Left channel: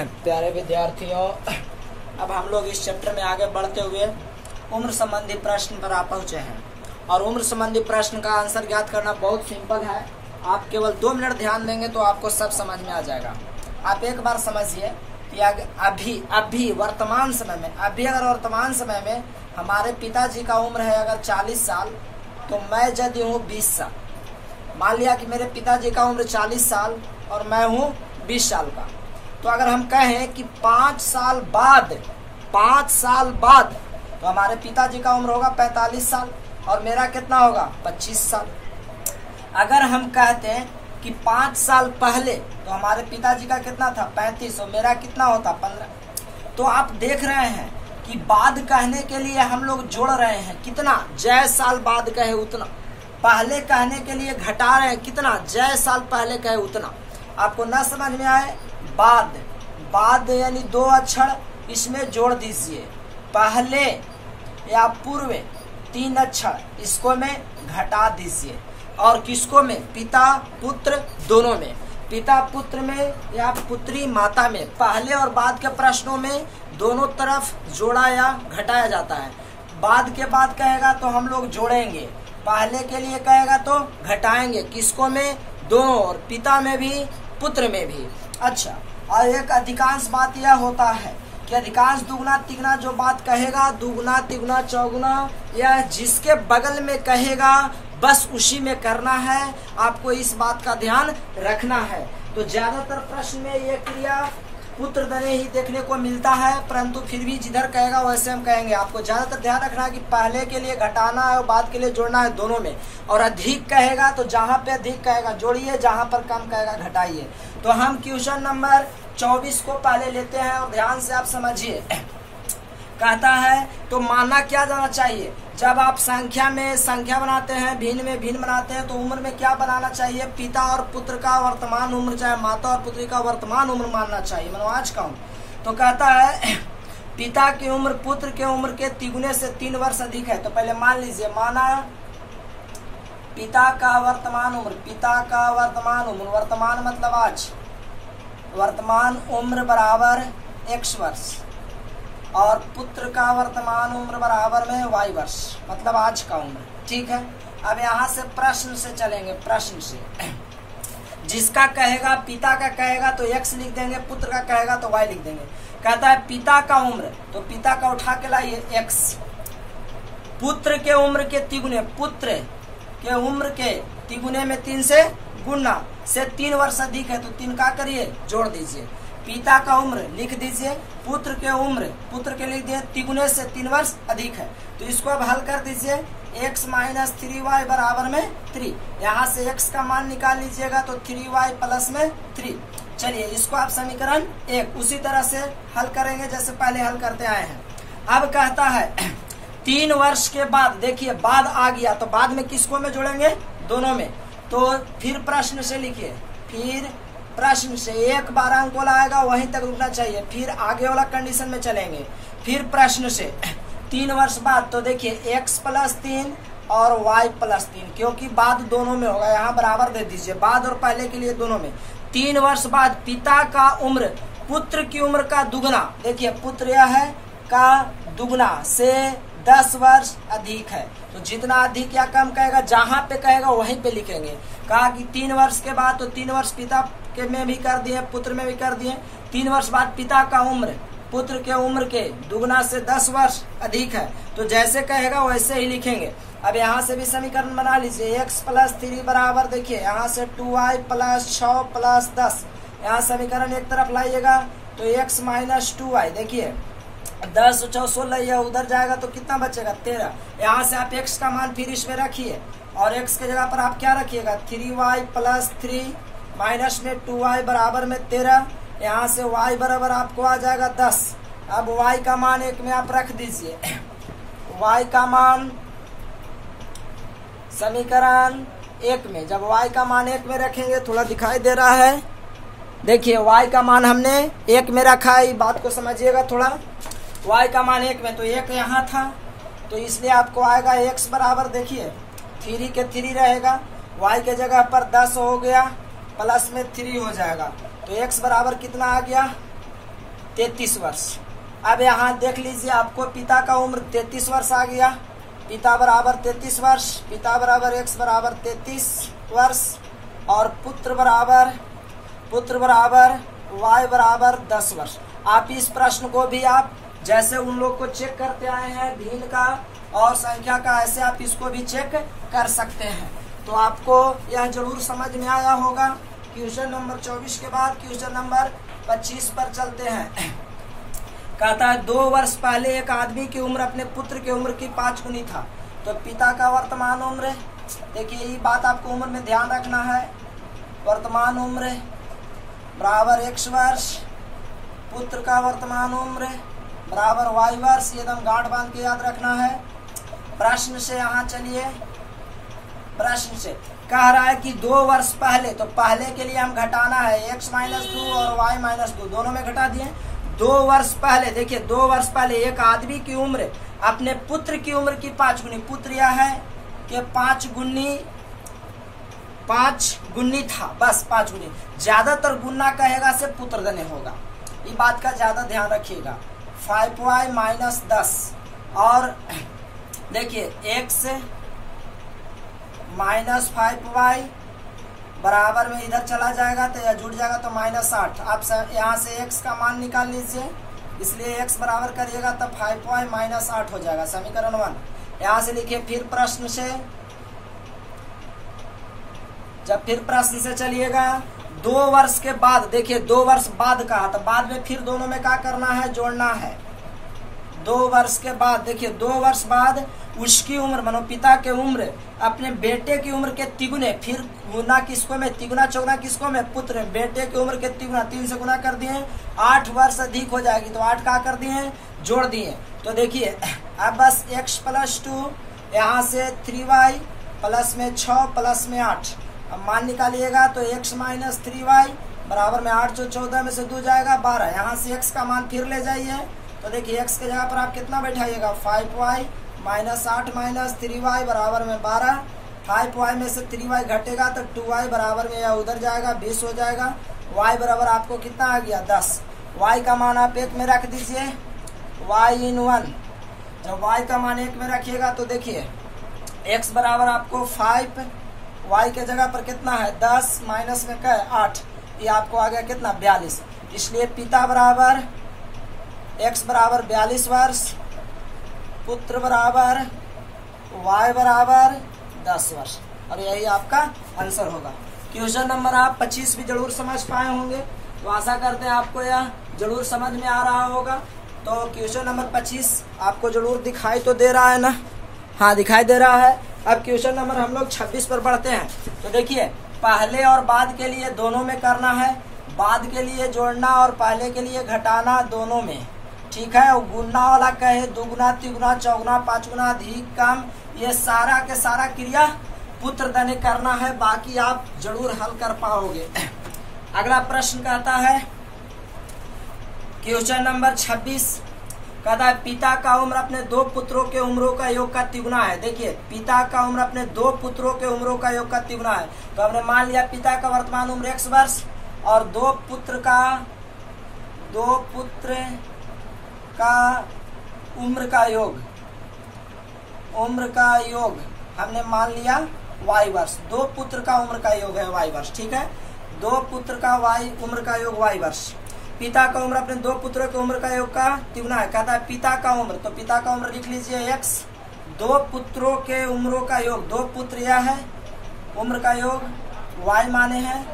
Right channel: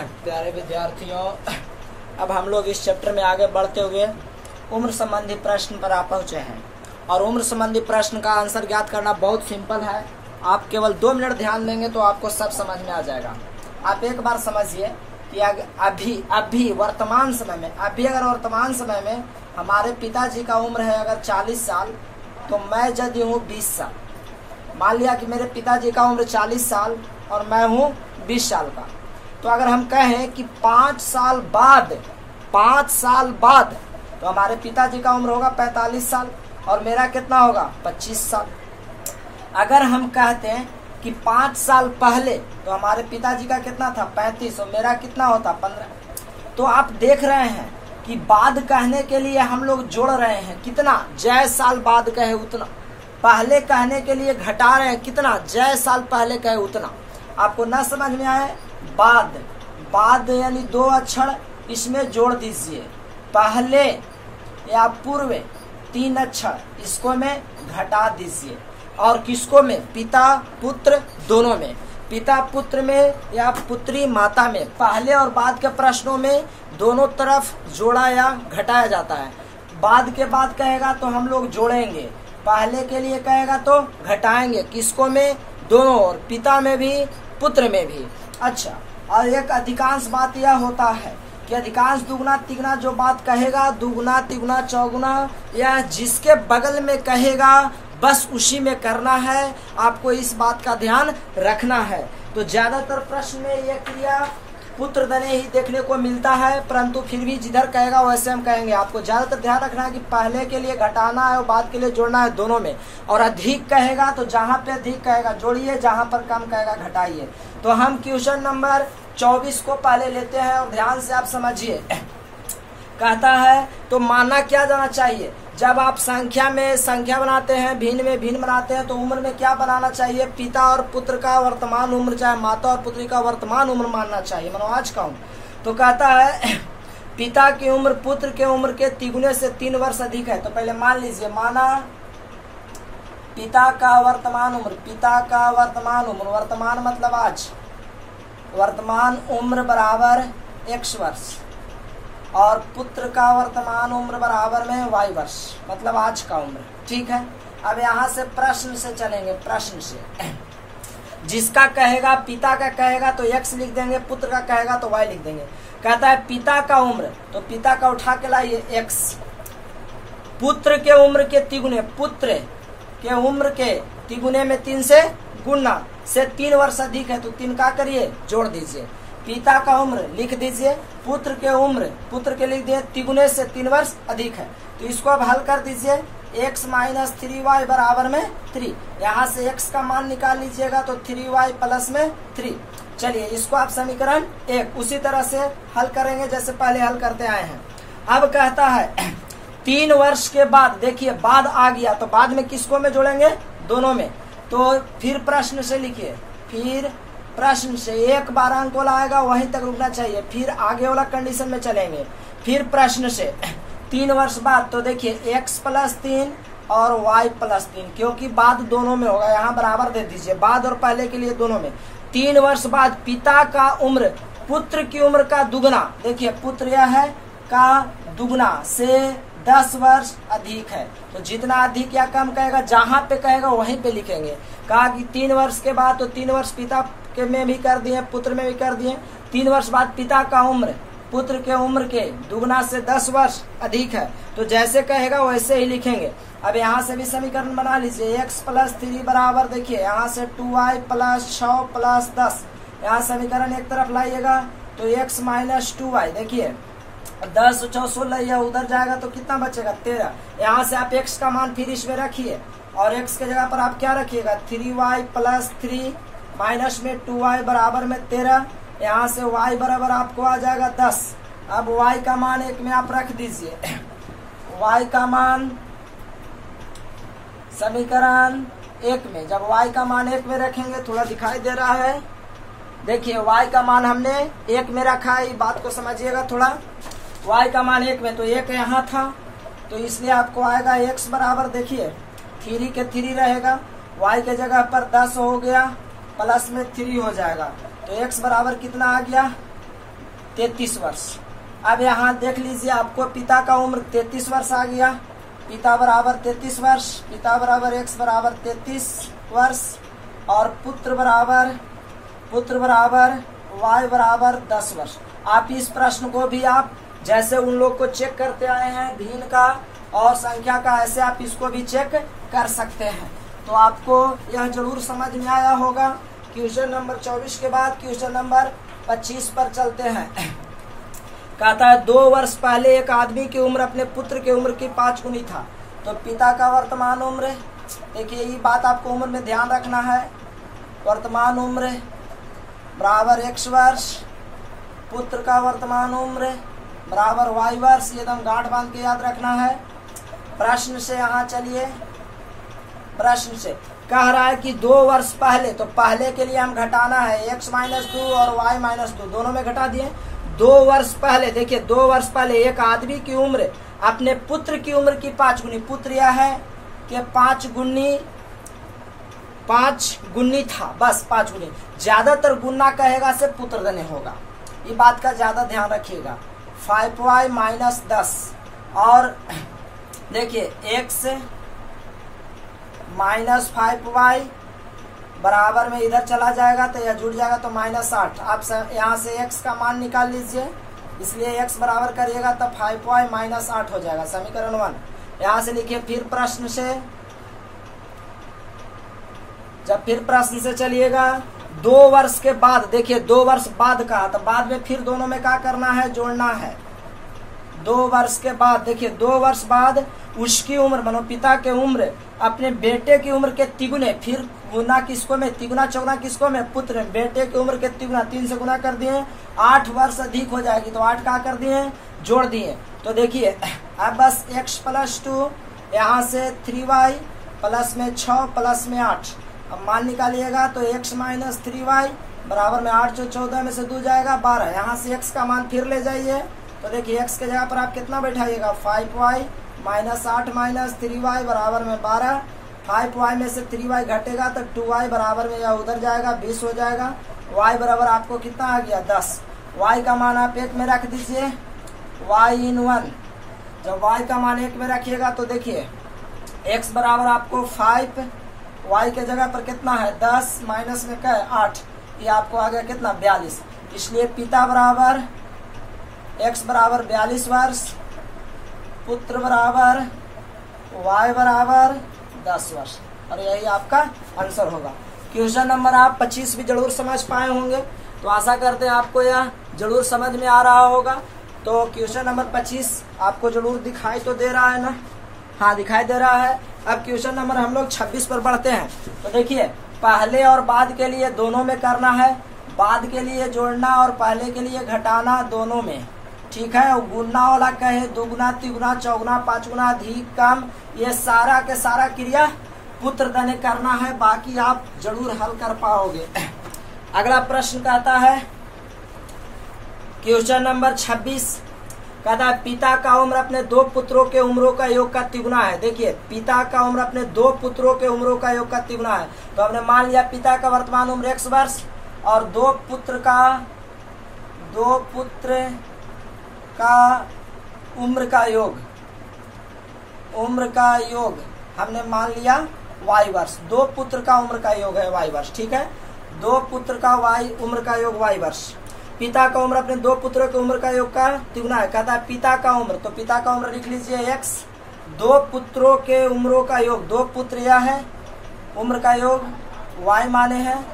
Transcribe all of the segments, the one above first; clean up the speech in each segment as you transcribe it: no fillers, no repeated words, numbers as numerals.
प्यारे विद्यार्थियों, अब हम लोग इस चैप्टर में आगे बढ़ते हुए उम्र संबंधी प्रश्न पर आ पहुंचे हैं। और उम्र संबंधी प्रश्न का आंसर ज्ञात करना बहुत सिंपल है। आप केवल 2 मिनट ध्यान देंगे तो आपको सब समझ में आ जाएगा। आप एक बार समझिए कि अभी वर्तमान समय में अगर वर्तमान समय में हमारे पिताजी का उम्र है अगर 40 साल, तो मैं यदि हूँ 20 साल। मान लिया कि मेरे पिताजी का उम्र 40 साल और मैं हूँ 20 साल का। तो अगर हम कहें कि 5 साल बाद तो हमारे पिताजी का उम्र होगा 45 साल और मेरा कितना होगा 25 साल। अगर हम कहते हैं कि 5 साल पहले तो हमारे पिताजी का कितना था 35 और मेरा कितना होता 15। तो आप देख रहे हैं कि बाद कहने के लिए हम लोग जोड़ रहे हैं कितना, जय साल बाद कहे उतना। पहले कहने के लिए घटा रहे हैं कितना, जय साल पहले कहे उतना। आपको ना समझ में आए, बाद यानी 2 अक्षर इसमें जोड़ दीजिए। पहले या पूर्व 3 अक्षर इसको में घटा दीजिए। और किसको में, पिता पुत्र दोनों में, पिता पुत्र में या पुत्री माता में। पहले और बाद के प्रश्नों में दोनों तरफ जोड़ा या घटाया जाता है। बाद के बाद कहेगा तो हम लोग जोड़ेंगे, पहले के लिए कहेगा तो घटाएंगे। किसको में, दोनों, और पिता में भी पुत्र में भी। अच्छा, और एक अधिकांश बात यह होता है कि अधिकांश दुगुना तिगुना जो बात कहेगा, दुगुना तिगुना चौगुना या जिसके बगल में कहेगा बस उसी में करना है। आपको इस बात का ध्यान रखना है। तो ज्यादातर प्रश्न में यह क्रिया पुत्र दने ही देखने को मिलता है, परंतु फिर भी जिधर कहेगा वैसे हम कहेंगे। आपको ज्यादातर ध्यान रखना है कि पहले के लिए घटाना है और बाद के लिए जोड़ना है, दोनों में। और अधिक कहेगा तो जहाँ पे अधिक कहेगा जोड़िए, जहाँ पर कम कहेगा घटाइए। तो हम क्वेश्चन नंबर 24 को पहले लेते हैं और ध्यान से आप समझिए। कहता है तो माना क्या जाना चाहिए, जब आप संख्या में संख्या बनाते हैं, भिन्न में भिन्न बनाते हैं, तो उम्र में क्या बनाना चाहिए, पिता और पुत्र का वर्तमान उम्र, चाहे माता और पुत्री का वर्तमान उम्र मानना चाहिए, मानो आज का उम्र। तो कहता है पिता की उम्र पुत्र के उम्र के तिगुने से 3 वर्ष अधिक है। तो पहले मान लीजिए, माना पिता का वर्तमान उम्र, पिता का वर्तमान उम्र, वर्तमान मतलब आज, वर्तमान उम्र बराबर x वर्ष, और पुत्र का वर्तमान उम्र बराबर में y वर्ष, मतलब आज का उम्र। ठीक है, अब यहाँ से प्रश्न से चलेंगे। प्रश्न से जिसका कहेगा, पिता का कहेगा तो x लिख देंगे, पुत्र का कहेगा तो y लिख देंगे। कहता है पिता का उम्र, तो पिता का उठा के लाइए x, पुत्र के उम्र के तिगुने, पुत्र के उम्र के तिगुने में 3 से गुणा से 3 वर्ष अधिक है, तो 3 का करिए जोड़ दीजिए। पिता का उम्र लिख दीजिए, पुत्र के उम्र, पुत्र के लिख दिए तिगुने से 3 वर्ष अधिक है। तो इसको अब हल कर दीजिए, x माइनस 3y बराबर में 3। यहाँ से x का मान निकाल लीजिएगा तो 3y प्लस में 3। चलिए इसको आप समीकरण 1 उसी तरह से हल करेंगे जैसे पहले हल करते आए हैं। अब कहता है 3 वर्ष के बाद, देखिए बाद आ गया तो बाद में किसको में जोड़ेंगे, दोनों में। तो फिर प्रश्न से लिखिए, फिर प्रश्न से 1 बार अंक वाला आएगा वहीं तक रुकना चाहिए, फिर आगे वाला कंडीशन में चलेंगे। फिर प्रश्न से 3 वर्ष बाद, तो देखिए x प्लस 3 और y प्लस 3, क्योंकि बाद दोनों में होगा, यहाँ बराबर दे दीजिए, बाद और पहले के लिए दोनों में। 3 वर्ष बाद पिता का उम्र पुत्र की उम्र का दुगना, देखिए पुत्र यह है का दुगना से 10 वर्ष अधिक है। तो जितना अधिक या कम कहेगा, जहाँ पे कहेगा वहीं पे लिखेंगे। कहा कि 3 वर्ष के बाद, तो 3 वर्ष पिता के में भी कर दिए, पुत्र में भी कर दिए। 3 वर्ष बाद पिता का उम्र पुत्र के उम्र के दुगना से 10 वर्ष अधिक है, तो जैसे कहेगा वैसे ही लिखेंगे। अब यहाँ से भी समीकरण बना लीजिए, x प्लस 3 बराबर, देखिए यहाँ से 2y प्लस 6 प्लस 10, यहाँ समीकरण एक तरफ लाइएगा तो x माइनस 2y, देखिए 10 6 16, यह उधर जाएगा तो कितना बचेगा 13। यहाँ से आप x का मान फिर इसमें रखिए और x के जगह पर आप क्या रखिएगा 3y प्लस 3 माइनस में 2y बराबर में 13। यहाँ से y बराबर आपको आ जाएगा 10। अब y का मान 1 में आप रख दीजिए, y का मान समीकरण 1 में, जब y का मान 1 में रखेंगे, थोड़ा दिखाई दे रहा है, देखिए y का मान हमने 1 में रखा है, बात को समझिएगा थोड़ा। y का मान 1 में, तो 1 यहाँ था, तो इसलिए आपको आएगा x बराबर, देखिए 3 के 3 रहेगा, y के जगह पर 10 हो गया, प्लस में 3 हो जाएगा, तो x बराबर कितना आ गया 33 वर्ष। अब यहाँ देख लीजिए, आपको पिता का उम्र 33 वर्ष आ गया। पिता बराबर 33 वर्ष, पिता बराबर x बराबर 33 वर्ष और पुत्र बराबर y बराबर 10 वर्ष। आप इस प्रश्न को भी आप जैसे उन लोग को चेक करते आए हैं भिन्न का और संख्या का, ऐसे आप इसको भी चेक कर सकते हैं। तो आपको यह जरूर समझ में आया होगा। क्वेश्चन नंबर 24 के बाद क्वेश्चन नंबर 25 पर चलते हैं। कहता है 2 वर्ष पहले एक आदमी की उम्र अपने पुत्र की उम्र की 5 गुनी था। तो पिता का वर्तमान उम्र, देखिए ये बात आपको उम्र में ध्यान रखना है। वर्तमान उम्र बराबर x वर्ष, पुत्र का वर्तमान उम्र बराबर y वर्ष। ये एकदम गांठ बांध के याद रखना है। प्रश्न से यहाँ चलिए, प्रश्न से कह रहा है कि 2 वर्ष पहले, तो पहले के लिए हम घटाना है x - 2 और y - 2 दोनों में घटा दिए। 2 वर्ष पहले, देखिए 2 वर्ष पहले एक आदमी की उम्र अपने पुत्र की उम्र की 5 गुनी, पुत्र यह है कि 5 गुनी था, बस 5 गुनी। ज्यादातर गुना कहेगा से पुत्र धन्य होगा, ये बात का ज्यादा ध्यान रखिएगा। 5y - 10 और देखिए x - 5y बराबर में इधर चला जाएगा तो यह जुड़ जाएगा तो -8। आप यहाँ से x का मान निकाल लीजिए, इसलिए x बराबर करिएगा तब 5y - 8 हो जाएगा, समीकरण 1। यहाँ से लिखिए फिर प्रश्न से, जब फिर प्रश्न से चलिएगा 2 वर्ष के बाद, देखिए 2 वर्ष बाद का, तो बाद में फिर दोनों में क्या करना है, जोड़ना है। 2 वर्ष के बाद, देखिए 2 वर्ष बाद उसकी उम्र, मानो पिता के उम्र अपने बेटे की उम्र के तिगुने, फिर गुना किसको में, तिगुना चौगुना किसको में, पुत्र में। बेटे की उम्र के तिगुना, 3 से गुना कर दिए, 8 वर्ष अधिक हो जाएगी, तो 8 का कर दिए, जोड़ दिए। तो देखिए अब बस x + 2, यहाँ से 3y प्लस में 6 प्लस में 8, अब मान निकालिएगा तो x - 3y बराबर में 8 जो 14 में से 2 जाएगा 12। यहाँ से x का मान फिर ले जाइए, तो देखिए x के जगह पर आप कितना बैठाइएगा, 5y - 8 - 3y बराबर में 12। 5y में से 3y घटेगा तो 2y बराबर में या उधर जाएगा, 20 हो जाएगा। y बराबर आपको कितना आ गया, 10। y का मान आप 1 में रख दीजिए, y इन 1। जब y का मान 1 में रखिएगा तो देखिए x बराबर आपको 5, y के जगह पर कितना है 10 माइनस में क्या है 8, ये आपको आ गया कितना 42। इसलिए पिता बराबर x बराबर 42 वर्ष, पुत्र बराबर y बराबर 10 वर्ष, और यही आपका आंसर होगा। क्वेश्चन नंबर आप 25 भी जरूर समझ पाए होंगे, तो आशा करते हैं आपको यह जरूर समझ में आ रहा होगा। तो क्वेश्चन नंबर 25 आपको जरूर दिखाई तो दे रहा है ना, हाँ दिखाई दे रहा है। अब क्वेश्चन नंबर हम लोग 26 पर बढ़ते हैं। तो देखिए पहले और बाद के लिए दोनों में करना है, बाद के लिए जोड़ना और पहले के लिए घटाना दोनों में, ठीक है। और गुना वाला कहे 2 गुना 3 गुना 4 गुना 5 गुना अधिक कम, ये सारा के सारा क्रिया पुत्र धन्य करना है, बाकी आप जरूर हल कर पाओगे। अगला प्रश्न कहता है क्वेश्चन नंबर 26, कहता है पिता का उम्र अपने 2 पुत्रों के उम्रों का योग का तिगुना है। देखिए पिता का उम्र अपने 2 पुत्रों के उम्रों का योग का तिगुना है। तो हमने मान लिया पिता का वर्तमान उम्र x वर्ष और 2 पुत्र का उम्र का योग हमने मान लिया y वर्ष। 2 पुत्र का उम्र का योग है y वर्ष, ठीक है। 2 पुत्र का उम्र का योग y वर्ष। पिता का उम्र अपने 2 पुत्रों के उम्र का योग का तिगुना है। कहता है पिता का उम्र, तो पिता का उम्र लिख लीजिए x, 2 पुत्रों के उम्रों का योग, 2 पुत्र यह है, उम्र का योग y माने हैं,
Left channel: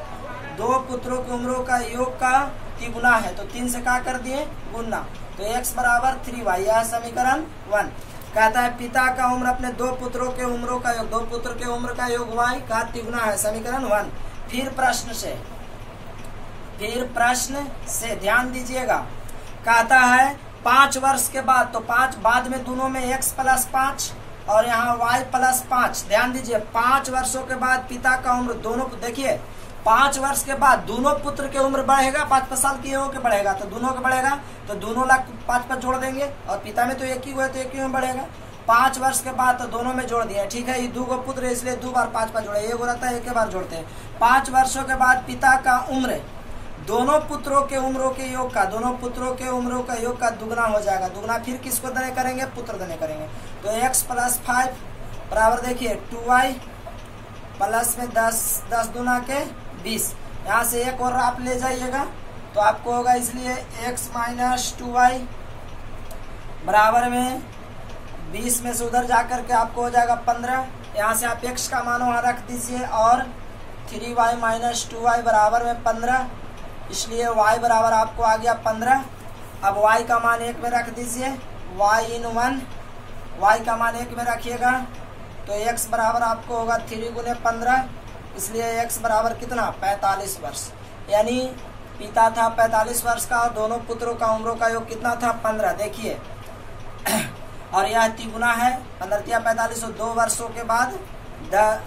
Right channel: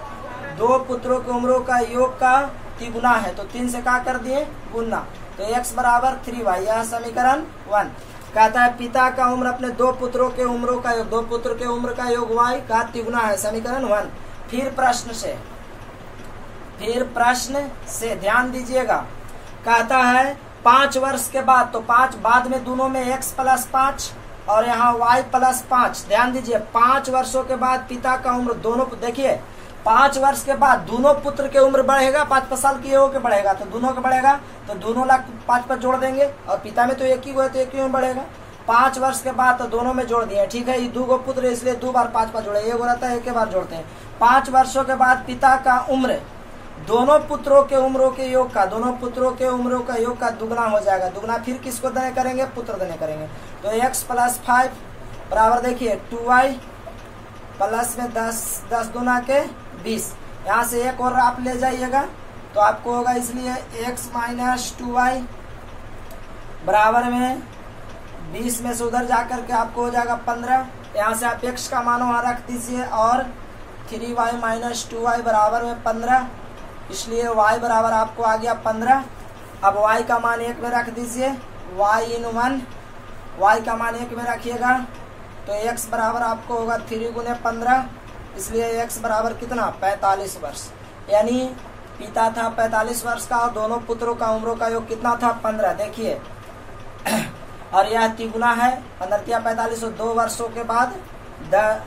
2 पुत्रों के उम्रों का योग का तिगुना है, तो 3 से क्या कर दिए गुना, तो x बराबर 3y, यह समीकरण 1। कहता है पिता का उम्र अपने 2 पुत्रों के उम्रों का योग, 2 पुत्र के उम्र का योग y का तिगुना है, समीकरण 1। फिर प्रश्न से ध्यान दीजिएगा। कहता है 5 वर्ष के बाद, तो 5 बाद में दोनों में x + 5 और यहाँ y + 5। ध्यान दीजिए 5 वर्षों के बाद पिता का उम्र दोनों, देखिए 5 वर्ष के बाद दोनों पुत्र के उम्र बढ़ेगा, 5 साल की हो के बढ़ेगा, तो दोनों का बढ़ेगा, तो दोनों लाख 5 पर जोड़ देंगे, और पिता में तो एक ही हुआ तो एक ही में बढ़ेगा। 5 वर्ष के बाद तो दोनों में जोड़ दिया, ठीक है। ये 2 पुत्र इसलिए 2 बार 5 पर जोड़े, एक रहता है एक बार जोड़ते हैं। 5 वर्षों के बाद पिता का उम्र दोनों पुत्रों के उम्रों के योग का, दोनों पुत्रों के उम्रों का योग का दुगना हो जाएगा। दुगना फिर किसको देने करेंगे? पुत्र देने करेंगे। तो x प्लस 5 बराबर देखिए 2y प्लस में 10 दूना के 20। यहाँ से एक और आप ले जाइएगा तो आपको होगा, इसलिए x माइनस 2y बराबर में 20 में से उधर जाकर के आपको हो जाएगा 15। यहाँ से आप x का मान वहां रख दीजिए और 3y माइनस 2y बराबर में 15, इसलिए y बराबर आपको आ गया 15। अब y का मान 1 में रख दीजिए, y इन 1, y का मान 1 में रखिएगा तो x बराबर आपको होगा 3 गुने 15, इसलिए x बराबर कितना? 45 वर्ष। यानी पिता था 45 वर्ष का और दोनों पुत्रों का उम्रों का योग कितना था? 15। देखिए और यह तिगुना है, 15 45 और 2 वर्षों के बाद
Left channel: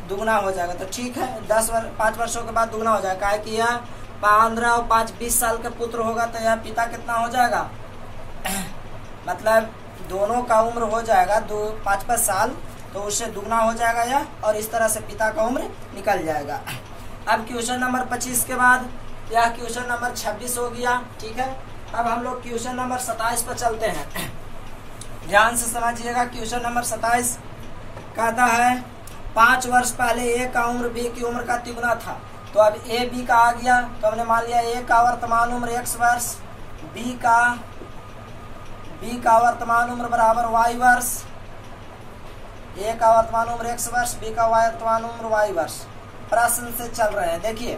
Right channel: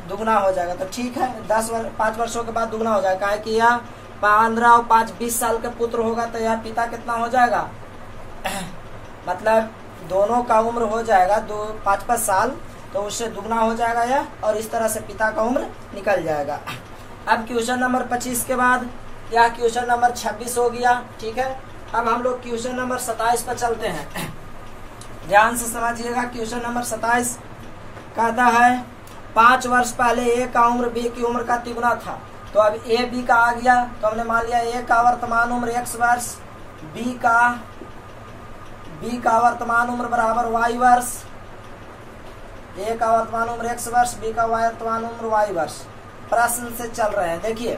दुगना हो जाएगा। तो ठीक है, 5 वर्षों के बाद दुगना हो जाएगा, है कि यह 15 और 5 20 साल का पुत्र होगा तो यह पिता कितना हो जाएगा? मतलब दोनों का उम्र हो जाएगा 5-5 साल, तो उससे दुगना हो जाएगा यह, और इस तरह से पिता का उम्र निकल जाएगा। अब क्वेश्चन नंबर 25 के बाद यह क्वेश्चन नंबर 26 हो गया। ठीक है, अब हम लोग क्वेश्चन नंबर 27 पर चलते हैं। ध्यान से समझिएगा। क्वेश्चन नंबर 27 कहता है 5 वर्ष पहले ए का उम्र बी की उम्र का तिगुना था। तो अब ए बी का आ गया, तो हमने मान लिया ए का वर्तमान उम्र x वर्ष, बी का वर्तमान उम्र बराबर y वर्ष। ए का वर्तमान उम्र x वर्ष, बी का वर्तमान उम्र y वर्ष। प्रश्न से चल रहे हैं। देखिए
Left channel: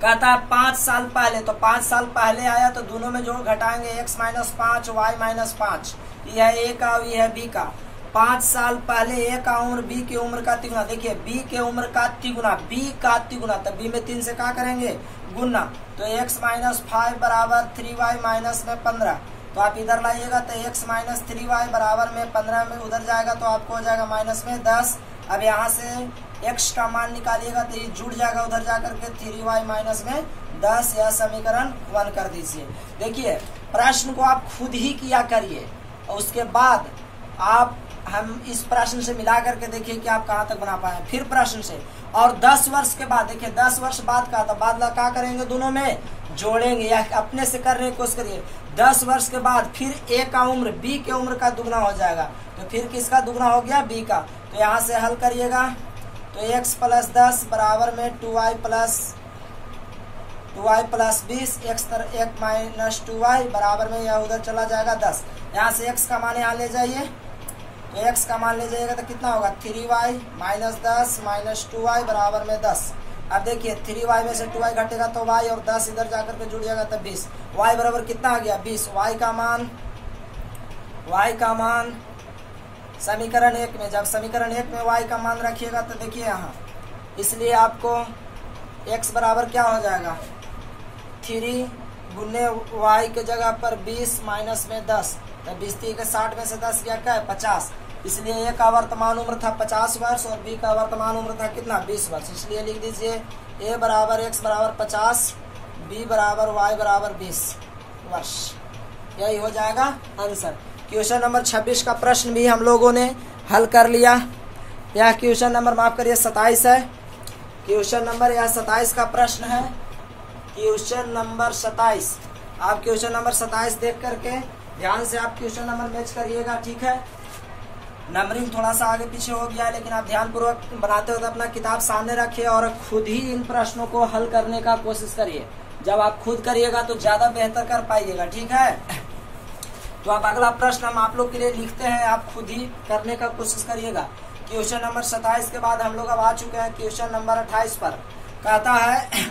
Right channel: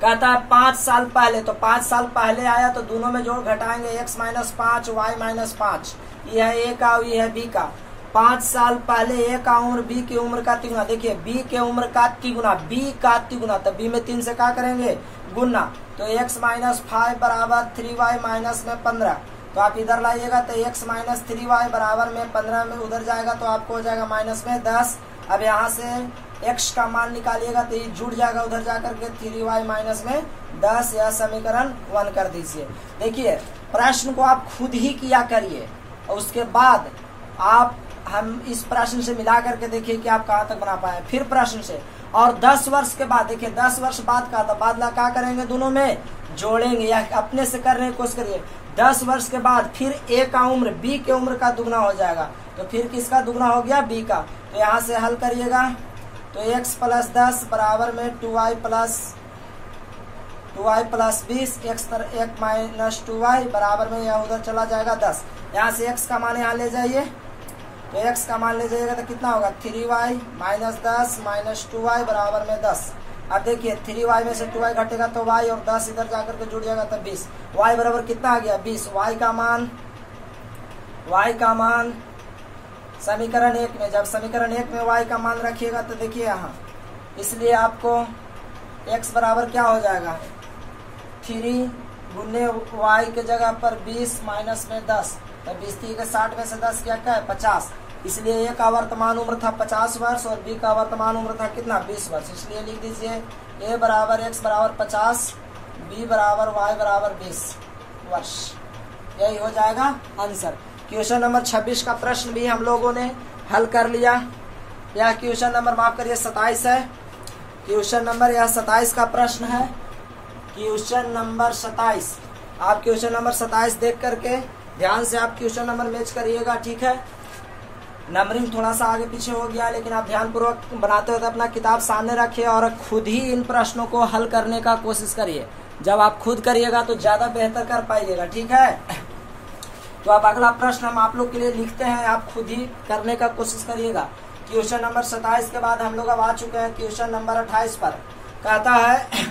कहता है 5 साल पहले, तो 5 साल पहले आया तो दोनों में जोड़ घटाएंगे, x माइनस 5 y माइनस 5। यह है ए का, यह है बी का। 5 साल पहले ए का उम्र बी की उम्र का तिगुना। देखिए बी के उम्र का तिगुना, बी का तिगुना, तो बी में 3 से क्या करेंगे? गुना। तो x माइनस 5 बराबर 3y माइनस में 15। तो आप इधर लाइएगा तो x माइनस 3y बराबर में 15 में उधर जाएगा तो आपको हो जाएगा माइनस में 10। अब यहाँ से x का मान निकालिएगा तो ये जुड़ जाएगा उधर जाकर के 3y माइनस में 10। यह समीकरण 1 कर दीजिए। देखिए प्रश्न को आप खुद ही किया करिए और उसके बाद आप हम इस प्रश्न से मिला करके देखिए कि आप कहाँ तक बना पाए। फिर प्रश्न से, और 10 वर्ष के बाद, देखिए 10 वर्ष बाद का, तो बाद क्या करेंगे? दोनों में जोड़ेंगे या अपने से करने की कोशिश करिए। 10 वर्ष के बाद फिर ए का उम्र बी के उम्र का दुगना हो जाएगा, तो फिर किसका दुगना हो गया? बी का। तो यहाँ से हल करिएगा तो x प्लस 10 बराबर में 2y प्लस 20, एक माइनस 2y बराबर में यह उधर चला जाएगा 10। यहाँ से x का मान यहाँ ले जाइए, तो x का मान ले जाइएगा तो कितना होगा? 3y माइनस 10 माइनस 2y बराबर में 10। अब देखिए 3y में से 2y घटेगा तो y, और 10 इधर जाकर के जुड़ जाएगा तो 20। y बराबर कितना आ गया? 20। y का मान समीकरण 1 में, जब समीकरण 1 में y का मान रखिएगा तो देखिए यहाँ, इसलिए आपको x बराबर क्या हो जाएगा? 3 गुने y के जगह पर 20 माइनस में 10, तो 20 के 60 में से 10 क्या है? 50। इसलिए ए का वर्तमान उम्र था 50 वर्ष और बी का वर्तमान उम्र था कितना? 20 वर्ष। इसलिए लिख दीजिए ए बराबर x बराबर 50, बी बराबर y बराबर 20 वर्ष। यही हो जाएगा आंसर। क्वेश्चन नंबर 26 का प्रश्न भी हम लोगों ने हल कर लिया। यह क्वेश्चन नंबर माफ करिए 27 है। क्वेश्चन नंबर यह 27 का प्रश्न है। क्वेश्चन नंबर 27, आप क्वेश्चन नंबर 27 देख करके ध्यान से आप क्वेश्चन नंबर मैच करिएगा। ठीक है, नंबरिंग थोड़ा सा आगे पीछे हो गया, लेकिन आप ध्यानपूर्वक बनाते हुए अपना किताब सामने रखिए और खुद ही इन प्रश्नों को हल करने का कोशिश करिए। जब आप खुद करिएगा तो ज्यादा बेहतर कर पाइएगा। ठीक है, तो अब अगला प्रश्न हम आप लोग के लिए लिखते हैं, आप खुद ही करने का कोशिश करिएगा। क्वेश्चन नंबर 27 के बाद हम लोग अब आ चुके हैं क्वेश्चन नंबर 28 पर। कहता है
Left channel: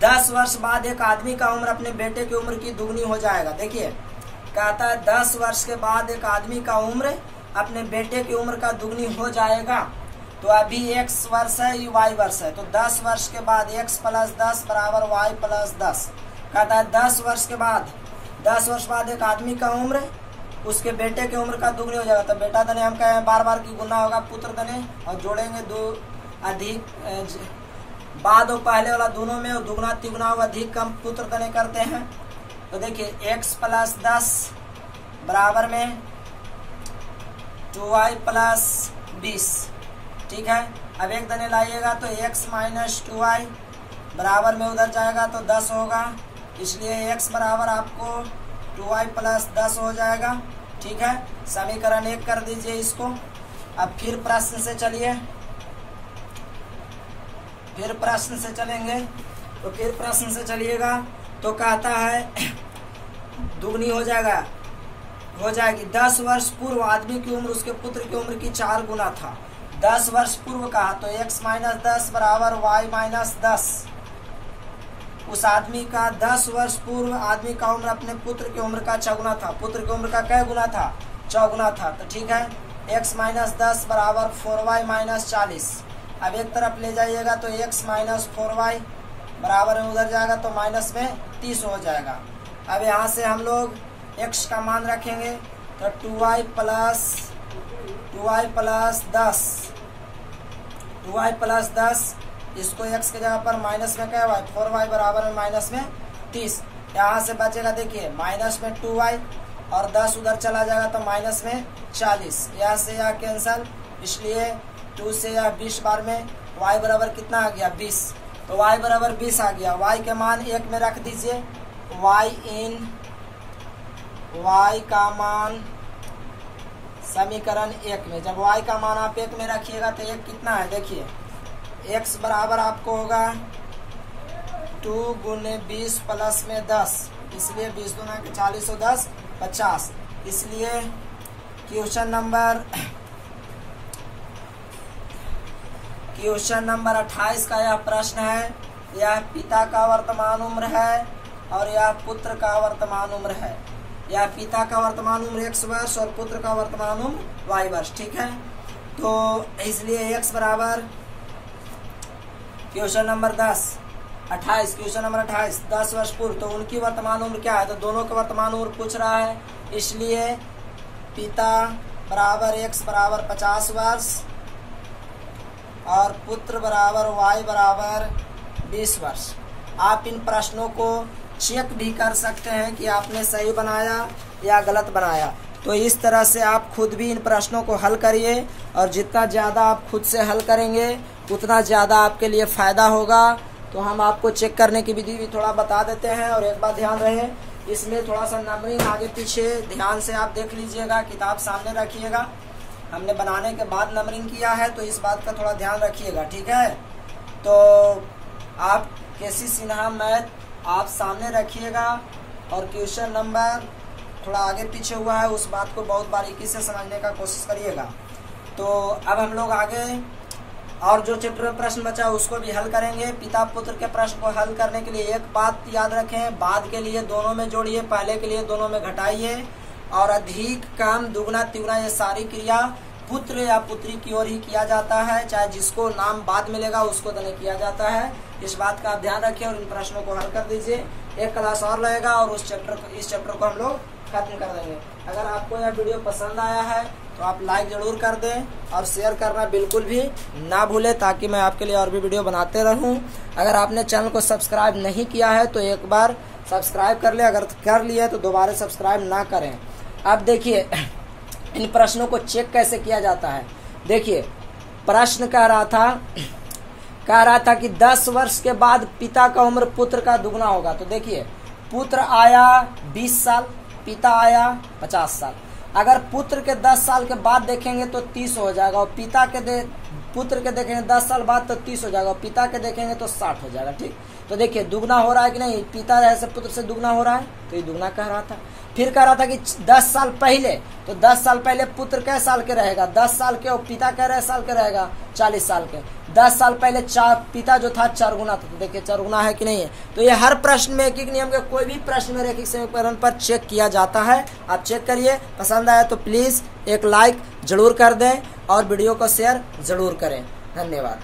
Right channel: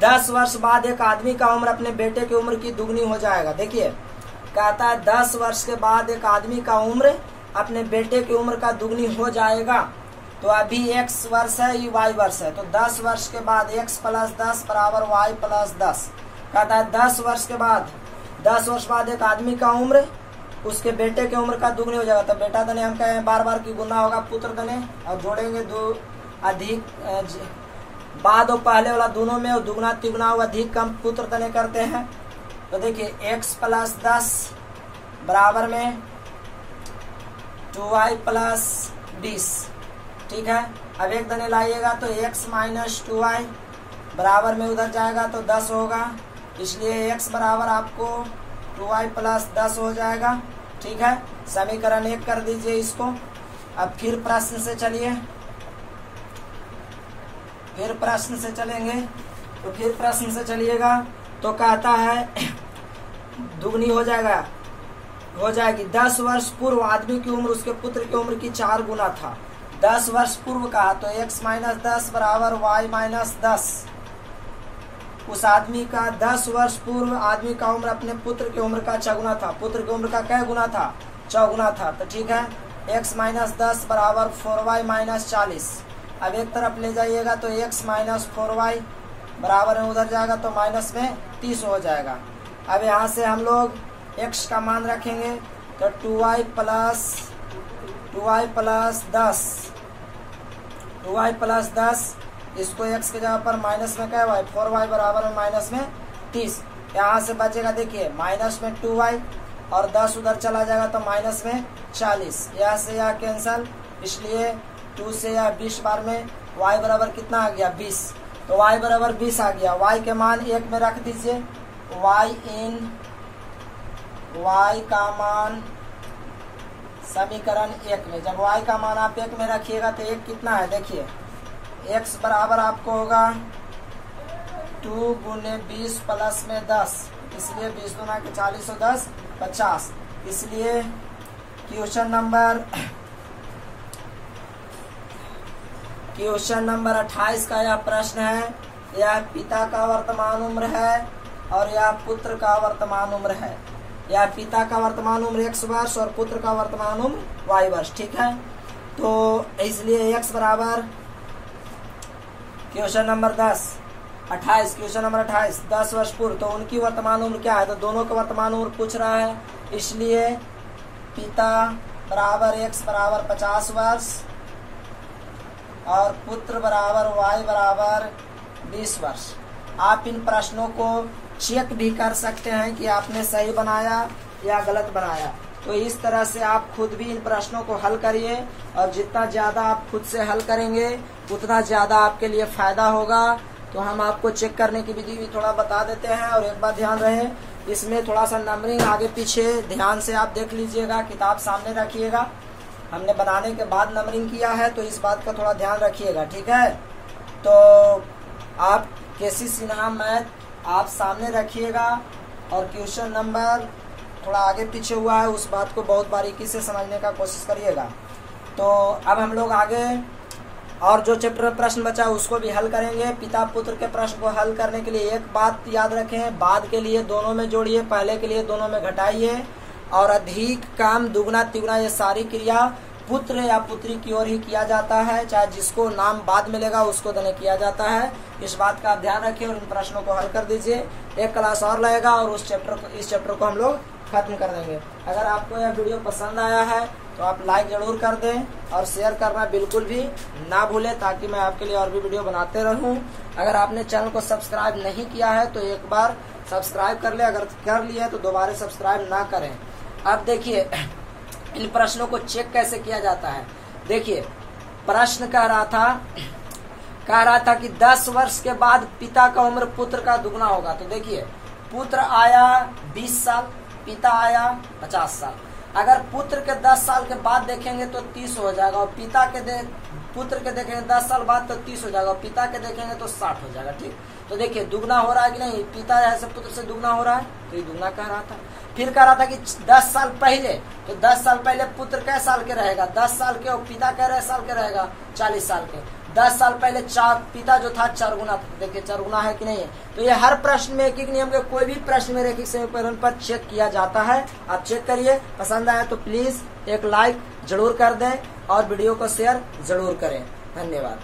10 वर्ष बाद एक आदमी का उम्र अपने बेटे की उम्र की दुगनी हो जाएगा। देखिए कहता है 10 वर्ष के बाद एक आदमी का उम्र अपने बेटे की उम्र का दुगनी हो जाएगा। तो अभी x वर्ष है, ये y वर्ष है, तो 10 वर्ष के बाद x प्लस 10 बराबर y प्लस 10। कहता है 10 वर्ष बाद एक आदमी का उम्र उसके बेटे की उम्र का दुगनी हो जाएगा। तो बेटा दने हम कहे बार बार की गुना होगा पुत्र दने, और जोड़ेंगे दो अधिक बाद और पहले वाला दोनों में दुगना तिगुना अधिक कम पुत्र दने करते हैं। तो देखिए x प्लस 10 बराबर में 2y प्लस 20। ठीक है, अब एक दने लाइएगा तो x माइनस 2y बराबर में उधर जाएगा तो 10 होगा, इसलिए x बराबर आपको 2y प्लस 10 हो जाएगा। ठीक है, समीकरण 1 कर दीजिए इसको। अब फिर प्रश्न से चलिए, फिर प्रश्न से चलेंगे। तो फिर प्रश्न से चलिएगा तो कहता है दुगनी हो जाएगी 10 वर्ष पूर्व आदमी की उम्र उसके पुत्र की उम्र की 4 गुना था। 10 वर्ष पूर्व कहा तो x माइनस 10 बराबर y माइनस 10। उस आदमी का 10 वर्ष पूर्व आदमी का उम्र अपने पुत्र की उम्र का 6 गुना था। पुत्र की उम्र का क्या गुना था? 6 गुना था। तो ठीक है, x माइनस 10 बराबर 4y माइनस 40। अब एक तरफ ले जाइएगा तो x माइनस 4y बराबर में उधर जाएगा तो माइनस में 30 हो जाएगा। अब यहाँ से हम लोग x का मान रखेंगे तो 2y प्लस 10 इसको x के जगह पर माइनस में क्या हुआ है 4y बराबर में माइनस में 30। यहाँ से बचेगा देखिए माइनस में 2y और 10 उधर चला जाएगा तो माइनस में 40। यहाँ से यह कैंसल, इसलिए 2 से यह 20 बार में y बराबर कितना आ गया 20। तो y बराबर 20 आ गया। y के मान 1 में रख दीजिए। y का मान समीकरण 1 में, जब y का मान आप 1 में रखिएगा तो 1 कितना है देखिए, x बराबर आपको होगा 2 गुने 20 प्लस में 10, इसलिए 20 दूना के 40 और 10 50। इसलिए क्वेश्चन नंबर 28 का यह प्रश्न है। यह पिता का वर्तमान उम्र है और यह पुत्र का वर्तमान उम्र है। यह पिता का वर्तमान उम्र x वर्ष और पुत्र का वर्तमान उम्र y वर्ष। ठीक है, तो इसलिए x बराबर क्वेश्चन नंबर 28 10 वर्ष पूर्व, तो उनकी वर्तमान उम्र क्या है? तो दोनों का वर्तमान उम्र पूछ रहा है, इसलिए पिता बराबर x बराबर 50 वर्ष और पुत्र बराबर y बराबर 20 वर्ष। आप इन प्रश्नों को चेक भी कर सकते हैं कि आपने सही बनाया या गलत बनाया। तो इस तरह से आप खुद भी इन प्रश्नों को हल करिए और जितना ज्यादा आप खुद से हल करेंगे उतना ज्यादा आपके लिए फायदा होगा। तो हम आपको चेक करने की विधि भी थोड़ा बता देते हैं। और एक बात ध्यान रहे, इसमें थोड़ा सा नंबरिंग आगे पीछे ध्यान से आप देख लीजिएगा, किताब सामने रखिएगा। हमने बनाने के बाद नंबरिंग किया है तो इस बात का थोड़ा ध्यान रखिएगा। ठीक है, तो आप केसी सिन्हा मैथ आप सामने रखिएगा और क्वेश्चन नंबर थोड़ा आगे पीछे हुआ है उस बात को बहुत बारीकी से समझने का कोशिश करिएगा। तो अब हम लोग आगे और जो चैप्टर में प्रश्न बचा है उसको भी हल करेंगे। पिता पुत्र के प्रश्न को हल करने के लिए एक बात याद रखें, बाद के लिए दोनों में जोड़िए, पहले के लिए दोनों में घटाइए। और अधिक काम दुगना तिगुना ये सारी क्रिया पुत्र या पुत्री की ओर ही किया जाता है, चाहे जिसको नाम बाद मिलेगा उसको देने किया जाता है। इस बात का आप ध्यान रखिए और इन प्रश्नों को हल कर दीजिए। एक क्लास और लगेगा और इस चैप्टर को हम लोग खत्म कर देंगे। अगर आपको यह वीडियो पसंद आया है तो आप लाइक जरूर कर दें और शेयर करना बिल्कुल भी ना भूलें, ताकि मैं आपके लिए और भी वीडियो बनाते रहूं। अगर आपने चैनल को सब्सक्राइब नहीं किया है तो एक बार सब्सक्राइब कर ले, अगर कर लिया तो दोबारा सब्सक्राइब ना करें। अब देखिए इन प्रश्नों को चेक कैसे किया जाता है। देखिए प्रश्न कह रहा था कि 10 वर्ष के बाद पिता का उम्र पुत्र का दुगना होगा। तो देखिए पुत्र आया 20 साल, पिता आया 50 साल। अगर पुत्र के 10 साल के बाद देखेंगे तो 30 हो जाएगा और पुत्र के देखेंगे 10 साल बाद तो 30 हो जाएगा और पिता के देखेंगे तो 60 हो जाएगा। ठीक, तो देखिए दुगना हो रहा है कि नहीं, पिता जैसे पुत्र से दुगना हो रहा है, तो ये दुगना कह रहा था। फिर कह रहा था कि 10 साल पहले, तो 10 साल पहले पुत्र कै साल के रहेगा 10 साल के और पिता कै साल के रहेगा 40 साल के। 10 साल पहले पिता जो था 4 गुना था, तो देखिए 4 गुना है कि नहीं है। तो ये हर प्रश्न में एक नियम के कोई भी प्रश्न में रैखिक समीकरण पर चेक किया जाता है। आप चेक करिए, पसंद आया तो प्लीज एक लाइक जरूर कर दें और वीडियो को शेयर जरूर करें। धन्यवाद।